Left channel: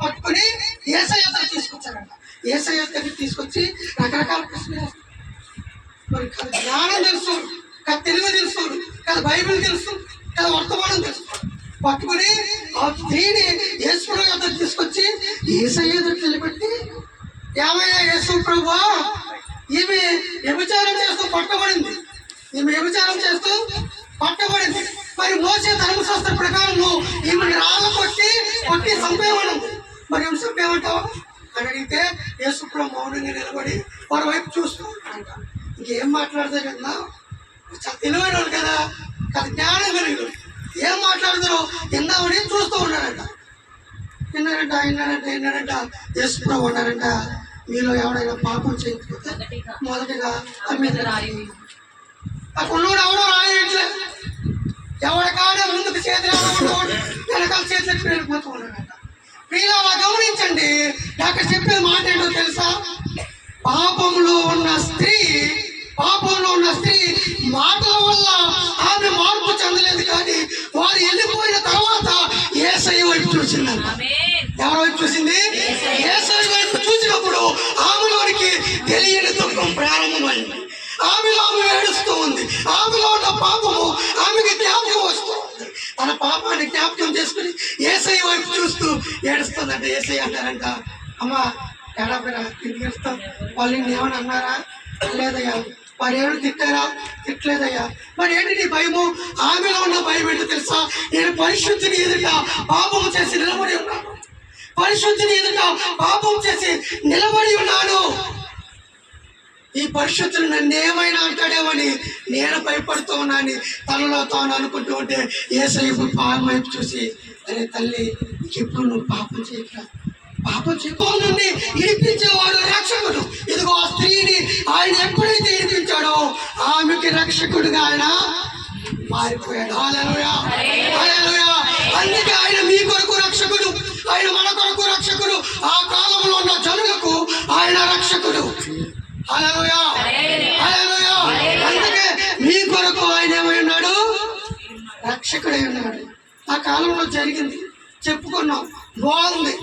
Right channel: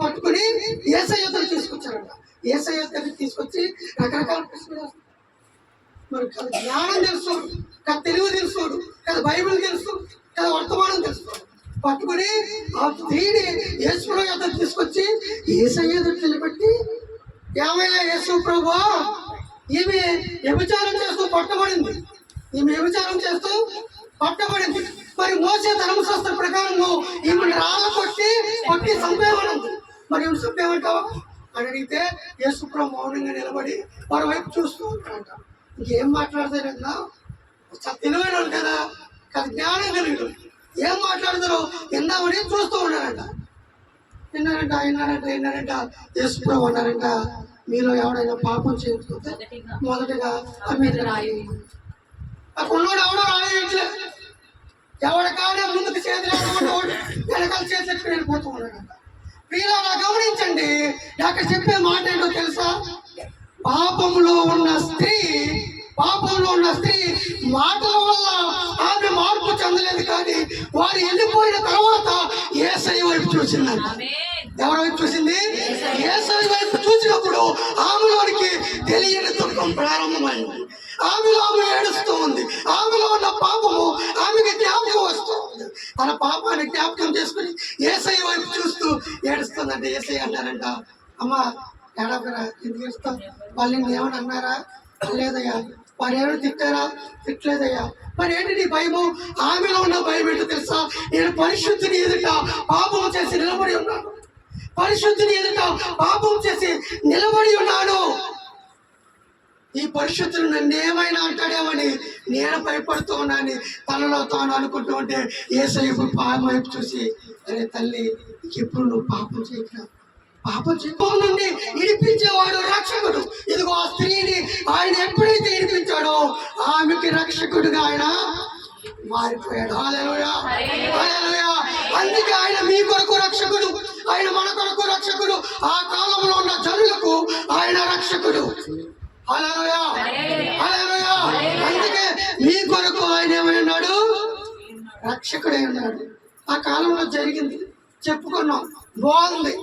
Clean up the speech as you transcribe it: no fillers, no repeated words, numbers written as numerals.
పట్టుకొని యేసయ్య దగ్గరికి తీసుకొచ్చారంట. యేసయ్య దగ్గరికి తీసుకొచ్చి రకరకాల ప్రశ్నలు వేస్తారు. మరి కదా జ్ఞానం తెలుసు, కదా తెలుగు తెలుసు, కదా బైబిల్ తెలుసు, కదా వర్తమానం తెలుసు. పట్టుకుని ఆ స్త్రీని యేసుప్రభు దగ్గరికి తీసుకొచ్చి యేసయ్య దగ్గరికి నిలబెట్టి, ఏమయ్యా యేసు ప్రభువా, ఈమె వ్యభిచారం చేస్తూ పట్టబడింది, ఈమె వ్యభిచారం చేస్తూ పట్టబడింది. మరి మోసే ధర్మశాస్త్ర ప్రకారం ఈమెను రాళ్ళ కొట్టి చంపేయమనింది. మరి ఏమి చంపేయమంటావా అని అడిగితే యేసుప్రభు మౌనంగా నిలబడి వారి వైపు చూస్తూ ఉంటాడంట. ఇంకేం మాట్లాడతారన్నా, తెలివైన వాడు కదా, జ్ఞానం కలిగి ఏం మాట్లాడతారో విందామని చూస్తూ ఉన్నాడంట. విన్నాడంట. యేసుప్రభు అన్నారంట, మీలో ఎవడైనా పాపం చేయకపోతే మొదటగా మీద రాయి. ఆ కొన్నోడు ఎవడో రాయట్లే, ఎవరికాడే ముందుకు చేతులు వెనకాల చేతులు ఎత్తుకుని వెళ్ళిపోతూ ఉన్నాడంట. మీలో గమనించండి, అక్కడ చెప్పే మాట ఏంటో తెలుసా? పాపంలో ఉన్న స్త్రీ మాటల వల్ల ఆమె మార్పు చెందలేదు, కానీ వారు వెళ్ళిపోయిన తర్వాత యేసయ్య వైపు చూసిందంట. ఎవరి వైపు చూసింది? యేసయ్య వైపు చూసినప్పుడు ఆమెలోనికి తెలియని దుఃఖం ప్రారంభమైంది. ఆమెలో ఆమె ఏడుస్తూ ఉంది. ఆమెలో ఉన్న పాపము ఆమెకి జ్ఞాపకం వస్తూ ఉంది. తన పాపాన్ని జ్ఞాపకం చేసుకుని యేసయ్య వైపు చూస్తూ ఏడుస్తుందంట. యేసయ్య అంటారంట, అమ్మా ఏడాపరా, ఇంటికి వెళ్తాం, వాళ్ళు ఏమని అన్నారా? లేదయ్యా. వారు ఏమైనా తిట్టారా? తిట్టలేదయ్యా. మరి ఏంటి నీ భయము? ఆమెలో ఉన్న భయం ఏంటో తెలుసా? నేను పరిశుద్ధిని ఎదుట పాపం చేసి నిలబడి ఉన్నాను. పరిశుద్ధిని ఎదుట పాపం చేసి నిలబడి ఉన్నాను. ఈ పరిశుద్ధులు నన్ను ఏమైనా అంటాడేమని నేను భయపడుతూ ఉన్నాను తనలో తాను అనుకుంటూ ఉంటే యేసయ్య పాపం వైపు చూసి, అరే తల్లి, ఎప్పుడు నువ్వు పాపం చేయట్లా, పాపం చిక్కుల నుండి ఇడిపించేవాడు రక్షకుడు. ఇదిగో ఆ స్త్రీని ఆయన ఎప్పుడైతే ఇడిపించాడో ఆమెకి రక్షకుడుగా ఆయన మారిపోయాడు. హల్లెలూయా, హల్లెలూయా. అందుకే ఆయన మీ కొరకు రక్షకుడు, ఆయన మన కొరకు రక్షకుడు. ఆ కాలంలో ఉన్న జనులకు ఆయన రక్షకుడు. హల్లెలూయా, హల్లెలూయా. అందుకే మీ కొరకు ఆయన ఏమై ఉన్నాడు? రక్షకుడై ఉన్నాడు. ఆ కాలంలో జరిగింది చెప్పుకున్నాం, బాగుంది.